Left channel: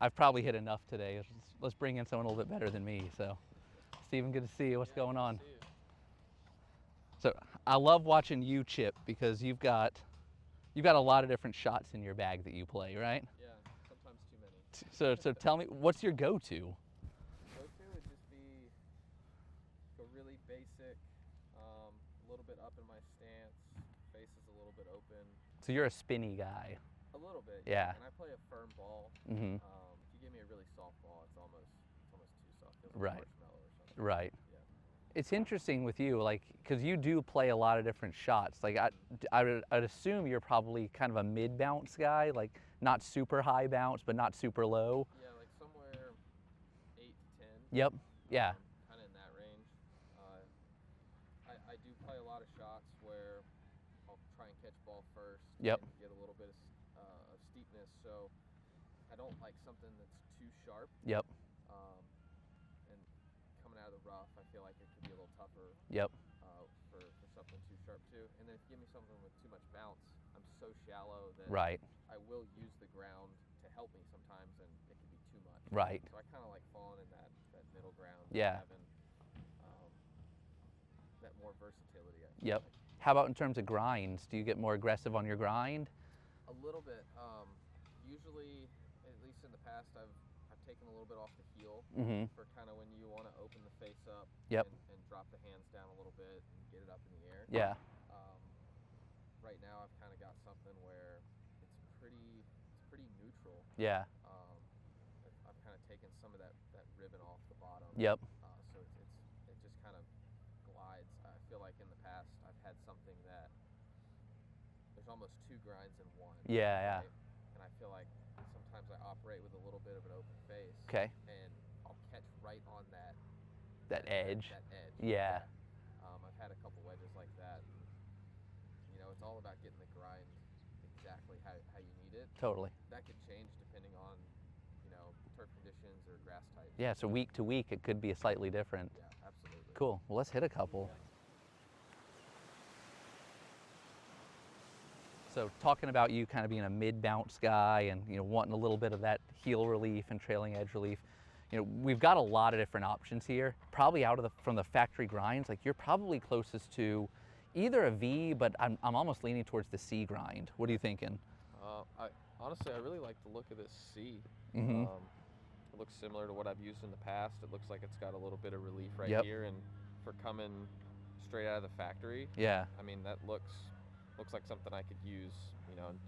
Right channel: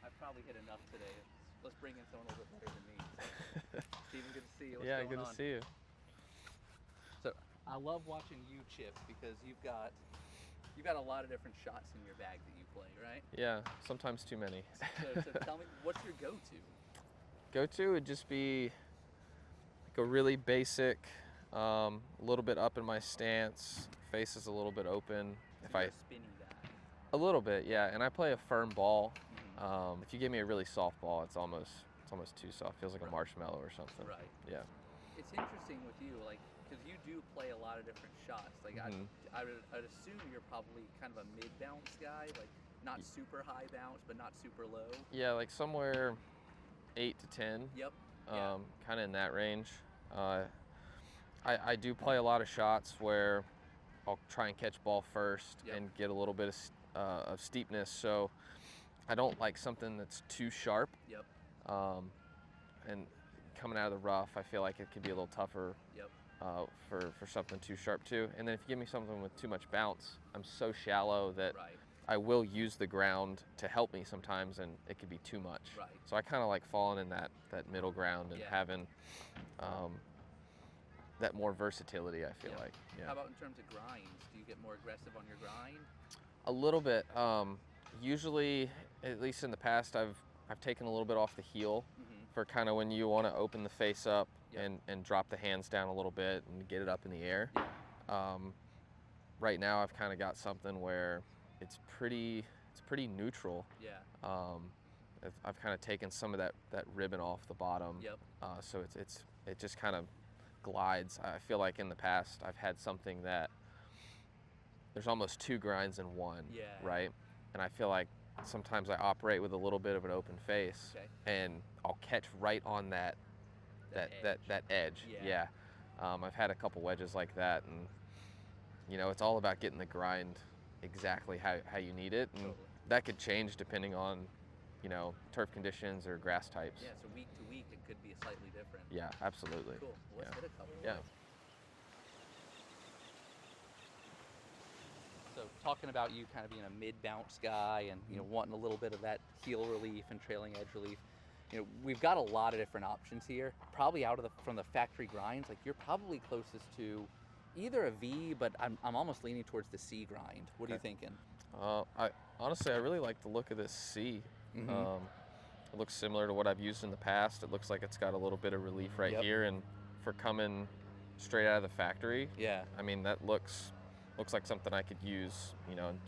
I've probably hit enough today. Let's bring in someone a little bit better than me. So, Steven, good to see you. What's going on? Good to see you. So I love watching you chip because you've got a lot of different shots in your bag that you play, right? Yeah, sometimes too many. So tell me, what's your go-to? Go-to would just be like a really basic, a little bit up in my stance, face is a little bit open. So you're a spinny guy. A little bit, yeah. And I play a firm ball. Mm-hmm. If you give me a really soft ball, it's almost too soft. Feels like a marshmallow or something. Right. Yeah. It's interesting with you, like, because you do play a lot of different shots. Like, I'd assume you're probably kind of a mid-bounce guy, like not super high bounce, but not super low. Yeah, like somewhere 8 to 10. Yep. Yeah. Kind of in that range. I do play a lot of shots where I'll try and catch ball first and get a little bit of steepness. So I don't like something that's too sharp. Yep. And coming out of the rough, I feel like it could be a little tougher. Yep. For something too sharp too. And then if you give me something with too much bounce, I'm so shallow that I will use the ground to help me sometimes, and it could be too much. Right. So I kind of like falling in that middle ground and having that more versatility, I feel like. Yeah. How about in terms of grinds? Do you get more aggressive on your grind? A little bit. Usually, at least in the past, I've taken a little bit off the heel for kind of when you want to open the face up and drop the hands down a little bit and get it up in the air. Yeah. Right now, I've kind of got something where it's pretty neutral. Yeah. I've kind of taken some of that ribbon off the bottom. Yep. So it just kind of glides. I feel like in the past I've had something that there's almost two grinds in one. Yeah. Right. And I feel like sometimes I operate with a little bit of an open face. Okay. And I'll catch right on that edge. That edge. Yeah. I've had a couple wedges like that, and it's all about getting the grind exactly how you need it. And totally. That could change depending on turf conditions or grass types. Yeah, so week to week it could be slightly different. Yeah, absolutely. Cool. Well, let's hit a couple. Yeah. So talking about you kind of being a mid-bounce guy and wanting a little bit of that heel relief and trailing edge relief, we've got a lot of different options here. Probably from the factory grinds, like you're probably closest to either a V, but I'm almost leaning towards the C grind. What are you thinking? Honestly, I really like the look of this C. It looks similar to what I've used in the past. It looks like it's got a little bit of relief right here, and for coming straight out of the factory, I mean, that looks like something I could use,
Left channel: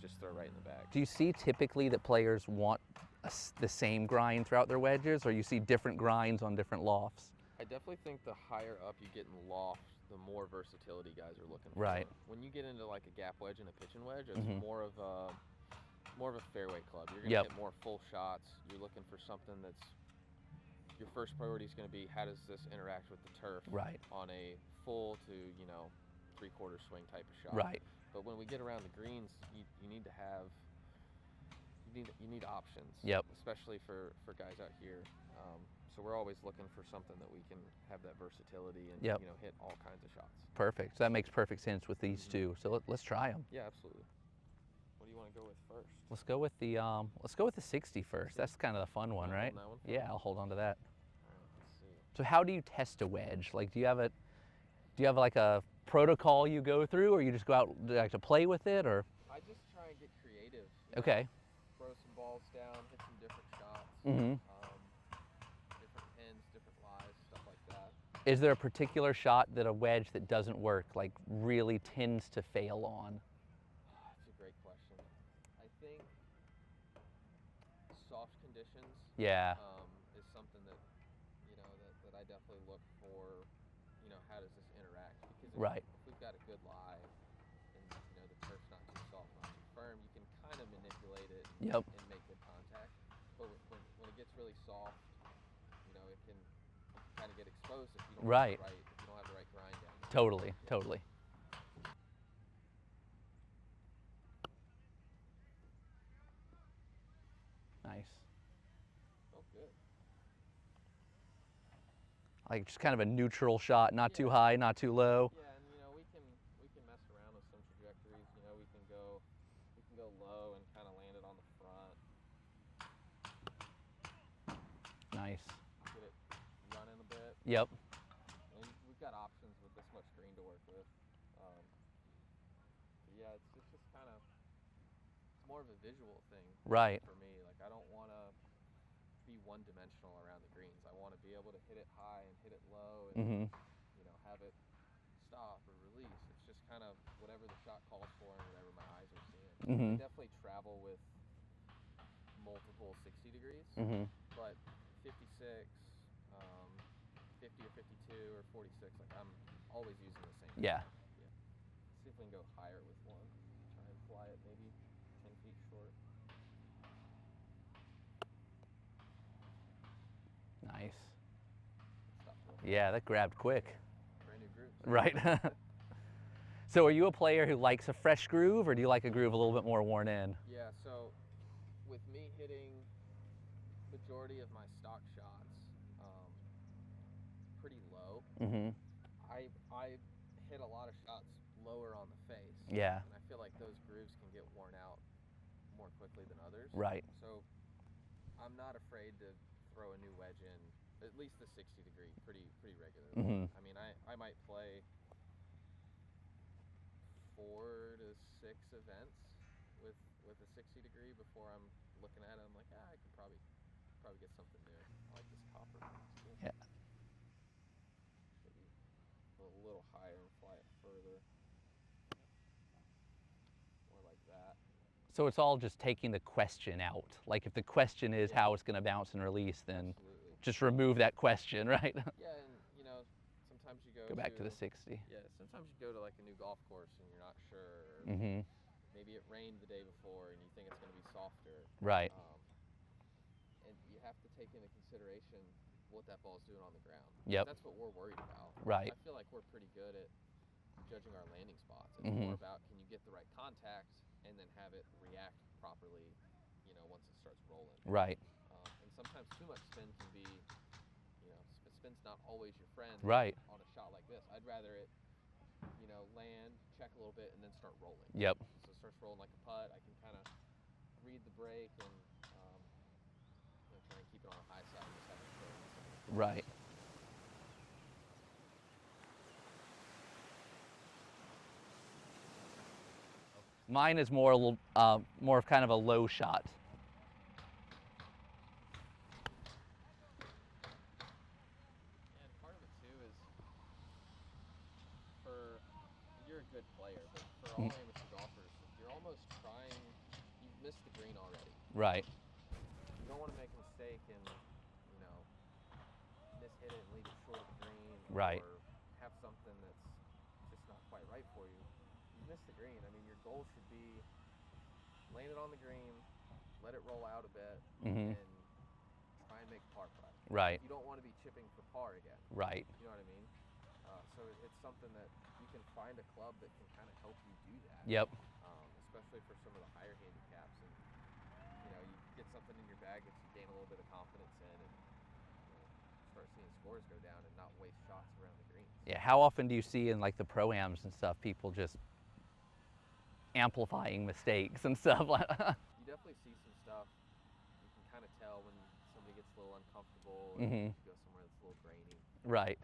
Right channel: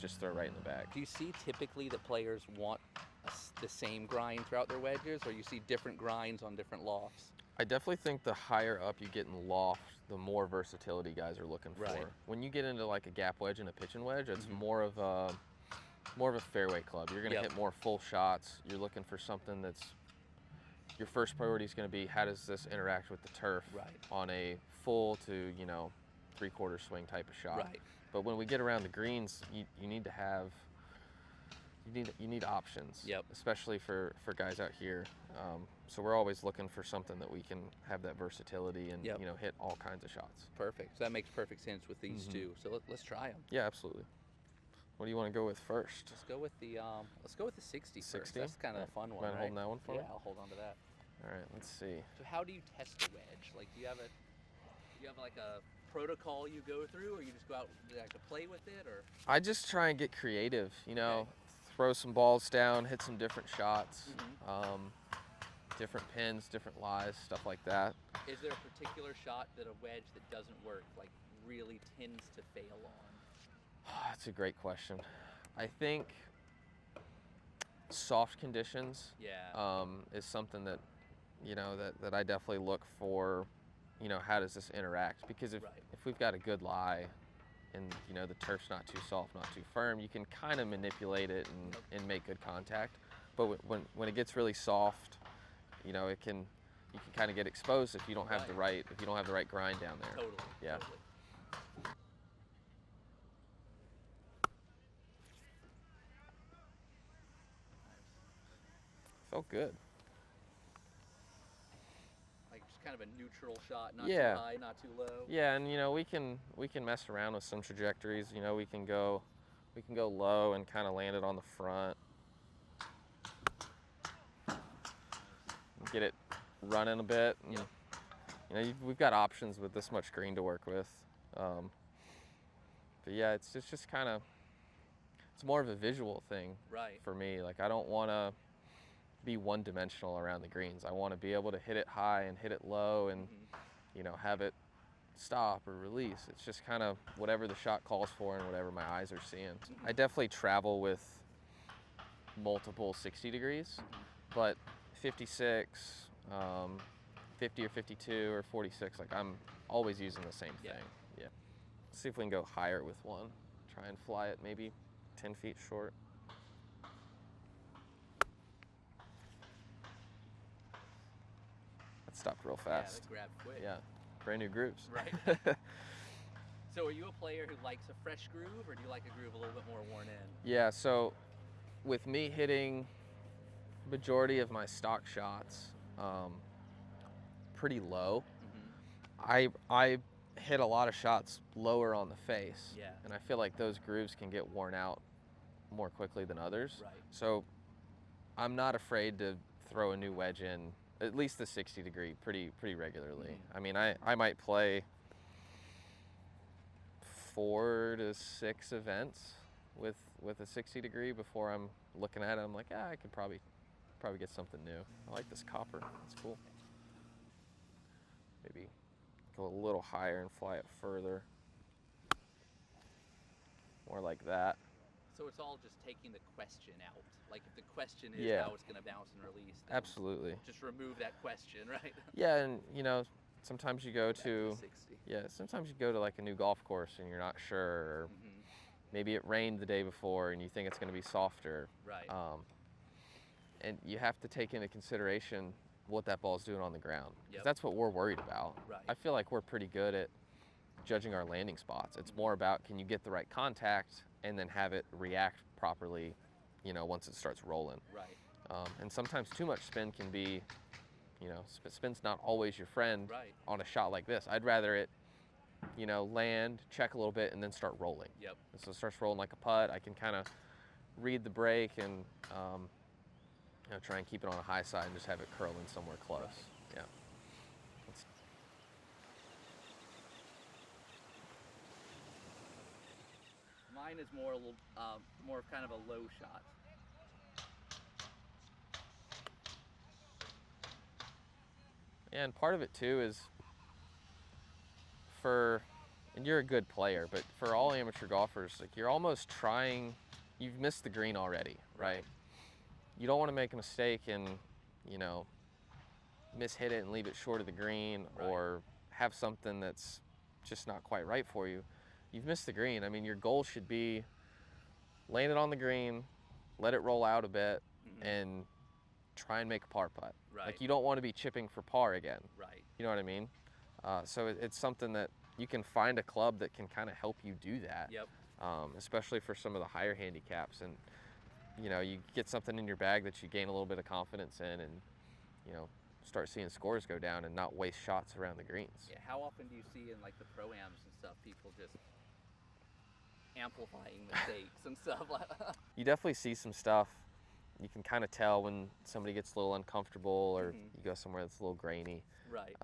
just throw right in the bag. Do you see typically that players want the same grind throughout their wedges, or you see different grinds on different lofts? I definitely think the higher up you get in the loft, the more versatility guys are looking for. Right. When you get into like a gap wedge and a pitching wedge, it's more of a fairway club. You're going to hit more full shots. You're looking for something that's, your first priority is going to be how does this interact with the turf on a full to, 3/4 swing type of shot. Right. But when we get around the greens, you need to have, you need options. Yep. Especially for guys out here. So we're always looking for something that we can have that versatility and hit all kinds of shots. Perfect. So that makes perfect sense with these two. So let's try them. Yeah, absolutely. What do you want to go with first? Let's go with the 60 first. That's kind of the fun one, right? Hold that one for me? Yeah, I'll hold on to that. All right, let's see. So how do you test a wedge? Like, do you have like a protocol you go through, or you just go out like to play with it, or? I just try and get creative. Okay. Throw some balls down, hit some different shots, different pins, different lies, stuff like that. Is there a particular shot that a wedge that doesn't work, like, really tends to fail on? That's a great question. I think soft conditions is something that, that I definitely look for, how does this interact? Because if we've got a good lie and, the turf's not too soft, not too firm, you can kind of manipulate it and make good contact. But when it gets really soft, you can kind of get exposed if you don't have the right grind down there. Totally, totally. Nice. Felt good. Like just kind of a neutral shot, not too high, not too low. Yeah, and we can mess around with some trajectories. We can go low and kind of land it on the front. get it running a bit. Yep. You know, we've got options with this much green to work with. But yeah, it's just kind of, it's more of a visual thing for me. Like, I don't want to be one-dimensional around the greens. I want to be able to hit it high and hit it low and, you know, have it stop or release. It's just kind of whatever the shot calls for and whatever my eyes are seeing. I definitely travel with multiple 60 degrees, but 56, 50 or 52 or 46, like I'm always using the same thing. Yeah. Let's see if we can go higher with one. Try and fly it maybe 10 feet short. Nice. That stopped real fast. Yeah, that grabbed quick. Yeah, brand new grooves. Right. So are you a player who likes a fresh groove, or do you like a groove a little bit more worn in? Yeah, so with me hitting majority of my stock shots pretty low, I hit a lot of shots lower on the face. Yeah. And I feel like those grooves can get worn out more quickly than others. Right. So I'm not afraid to throw a new wedge in, at least the 60 degree, pretty regularly. I mean, I might play 4 to 6 events with a 60 degree before I'm looking at it. I'm like, I could probably get something new. I like this copper. It's cool. Yeah. Maybe go a little higher and fly it further. More like that. So it's all just taking the question out. Like, if the question is how it's going to bounce and release, then absolutely just remove that question, right? Yeah, and you know, sometimes you go back to the 60. Yeah, sometimes you go to like a new golf course and you're not sure. Or maybe it rained the day before and you think it's going to be softer. Right. And you have to take into consideration what that ball's doing on the ground. Yep. That's what we're worried about. Right. I feel like we're pretty good at judging our landing spots. It's more about, can you get the right contact and then have it react properly, you know, once it starts rolling. Right. And sometimes too much spin can be, you know, spin's not always your friend on a shot like this. I'd rather it, you know, land, check a little bit, and then start rolling. Yep. So it starts rolling like a putt. I can kind of read the break and, you know, try and keep it on a high side and just have it curl in somewhere close. Right. Yeah. Mine is more of kind of a low shot. And part of it too is and you're a good player, but for all amateur golfers, like, you're almost trying, you've missed the green already. Right. You don't want to make a mistake and, you know, mishit it and leave it short of the green, or have something that's just not quite right for you. You've missed the green. I mean, your goal should be land it on the green, let it roll out a bit, and try and make a par putt. Right. Like, you don't want to be chipping for par again. Right. You know what I mean? So it's something that you can find a club that can kind of help you do that. Yep. Especially for some of the higher handicaps, and you know, you get something in your bag that you gain a little bit of confidence in, and you know, start seeing scores go down and not waste shots around the greens. Yeah. How often do you see in like the pro-ams and stuff, people just amplifying mistakes and stuff? You definitely see some stuff. You can kind of tell when somebody gets a little uncomfortable, or you go somewhere that's a little grainy. Right.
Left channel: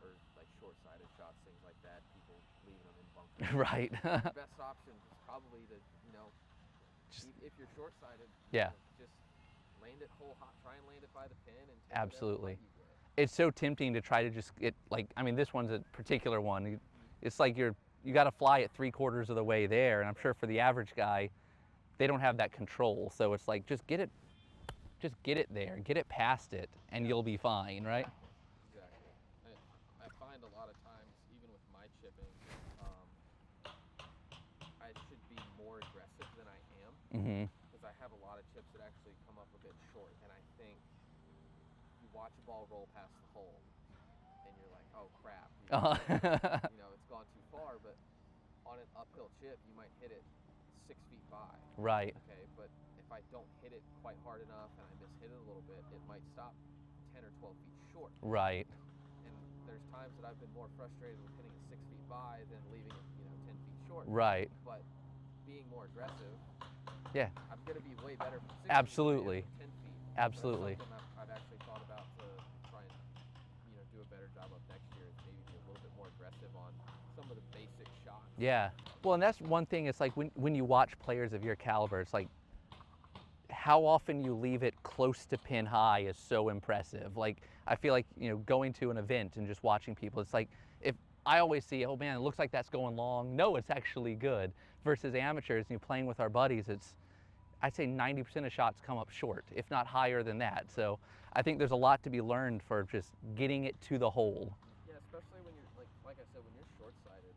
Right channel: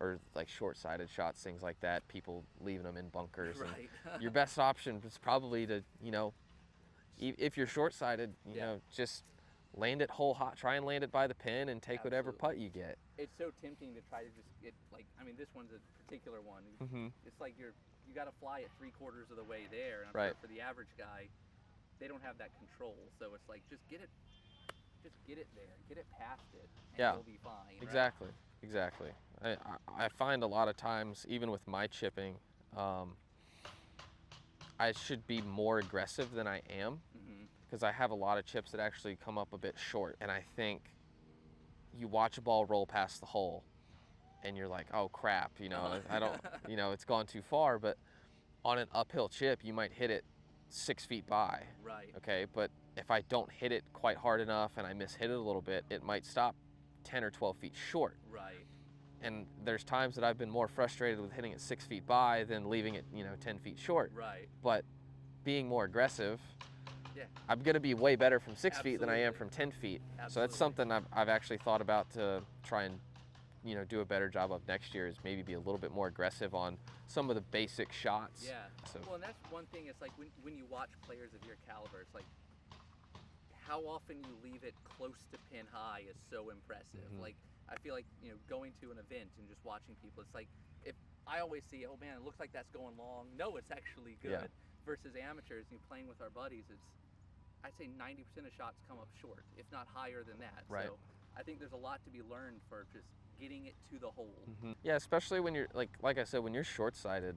Or like short-sighted shots, things like that, people leaving them in bunkers. Right. Your best option is probably to, you know, if you're short-sighted, you know, just land it whole hot, try and land it by the pin and take whatever putt you get. It's so tempting to try to just get, like, I mean, this one's a particular one. It's like you got to fly it 3/4 of the way there, and I'm sure for the average guy, they don't have that control. So it's like, just get it there, get it past it, and you'll be fine, right? Exactly. I find a lot of times, even with my chipping, I should be more aggressive than I am, because I have a lot of chips that actually come up a bit short. And I think you watch a ball roll past the hole, and you're like, oh crap, you know, you know, it's gone too far. But on an uphill chip, you might hit it 6 feet by. Right. Okay, but if I don't hit it quite hard enough and I mishit it a little bit, it might stop 10 or 12 feet short. Right. And there's times that I've been more frustrated with hitting it 6 feet by than leaving it, you know, 10 feet short. Right. But being more aggressive Yeah. I'm going to be way better from 6 feet than I am Absolutely. from 10 feet. Absolutely. So that's something I've actually thought about to try and, you know, do a better job of next year, is maybe be a little bit more aggressive on some of the basic shots. Yeah. So, Well, and that's one thing. It's like when you watch players of your caliber, it's like how often you leave it close to pin high is so impressive. Like, I feel like, you know, going to an event and just watching people, it's like, if I always see, oh man, it looks like that's going long. No, it's actually good. Versus amateurs, you know, playing with our buddies, I'd say 90% of shots come up short, if not higher than that. Right. So I think there's a lot to be learned for just getting it to the hole. Yeah, especially when you're, like I said, when you're short-sighted,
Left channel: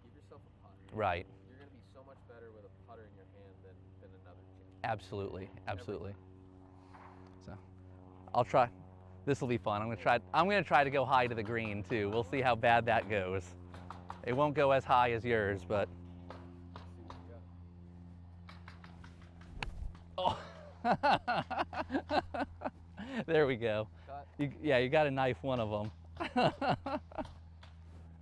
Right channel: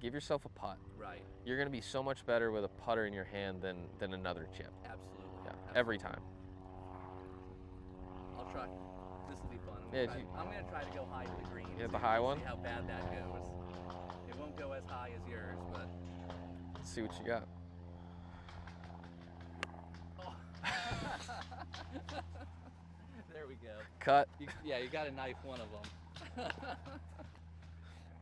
give yourself a putt. Right. You're going to be so much better with a putter in your hand than another chip. Absolutely. Yeah, Absolutely. every time. So I'll try. This will be fun. I'm gonna Yeah, try. I'm gonna try to go high to the green have too. the high We'll one? see how bad that goes. It won't go as high as yours, but Let's see what you got. oh. There we go. Cut. Yeah, you got to knife one of them.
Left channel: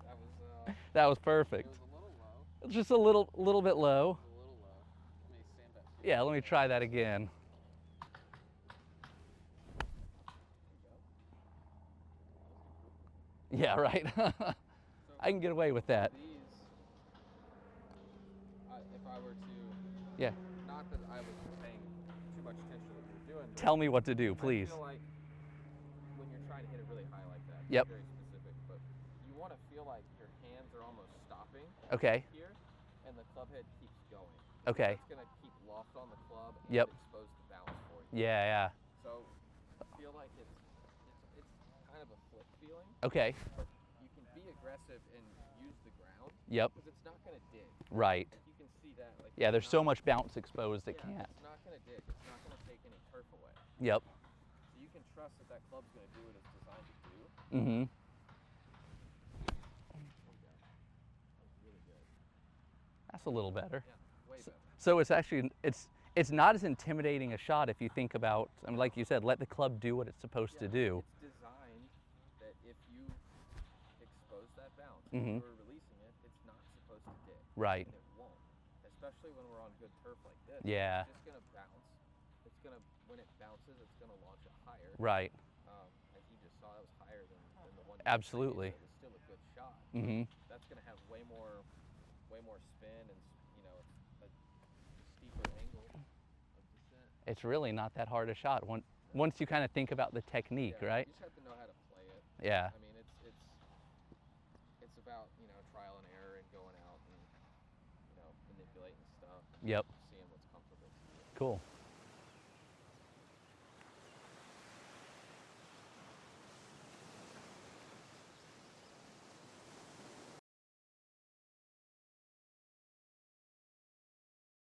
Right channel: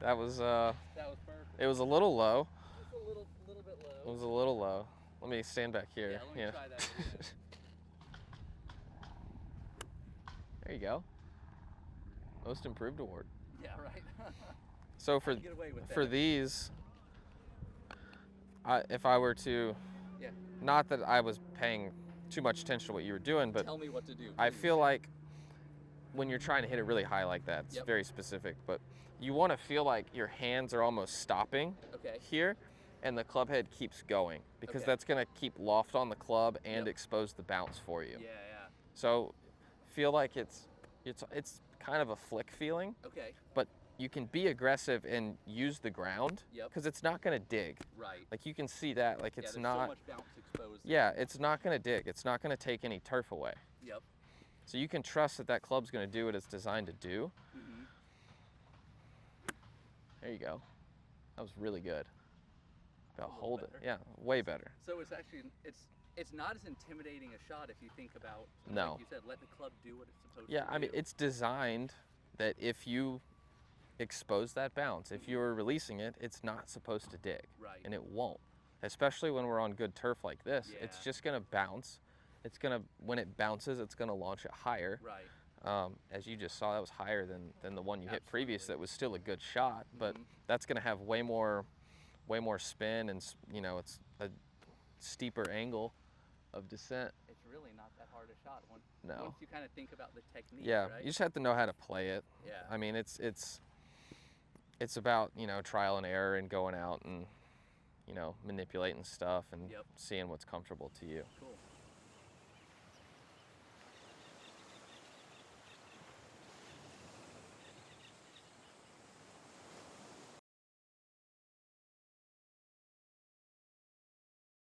That was That was perfect. it was a little low. Just a little bit It low. was a little low. Let me stand back here. Yeah, let me try that again. There you go. Most Improved Award. Yeah, right. So I can get away with that. for these, if I were to, Yeah. not that I was paying too much attention to what you were doing, but Tell me what to do, please. I feel like when you're trying to hit it really high like that, it's very specific, but you want to feel like your hands are almost stopping Okay. here, and the club head keeps going, because Okay. that's going to keep loft on the club and expose the bounce for you. Yeah, yeah. So feel like it's kind of a flick feeling, Okay. but you can be aggressive and use the ground. Yep. Because it's not going to dig. Right. Like, you can see that. Like, it's Yeah, there's not, so much bounce exposed. Yeah, it's not going to dig. It's not going to take any turf away. Yep. So you can trust that that club's going to do what it's designed to do. Mm-hmm. There you go. That was really good. That's Now a little hold it. better. Yeah, way better. So it's actually it's not as intimidating a shot if you think about, like No. you said, let the club do what it's supposed Yeah, to I do. mean, it's designed that if you expose that bounce, if you're releasing it, it's not supposed to dig. Right. And it won't. Especially when we're on good turf like this. Yeah. It's just going to bounce. It's going to, when it bounces, it's going to launch it higher. Right. As you just saw, that was higher than the one you Absolutely. hit previous. That was still a good shot, but that's going to have way more spin, and you know, it's a steeper angle of descent. It's really not that hard a shot No. once you kind of think about the technique, Yeah, right? you just have to know how to play it. Yeah. I mean, it's about, you know, trial and error and going out and, you know, manipulating stuff and seeing what's comfortable to you. Cool.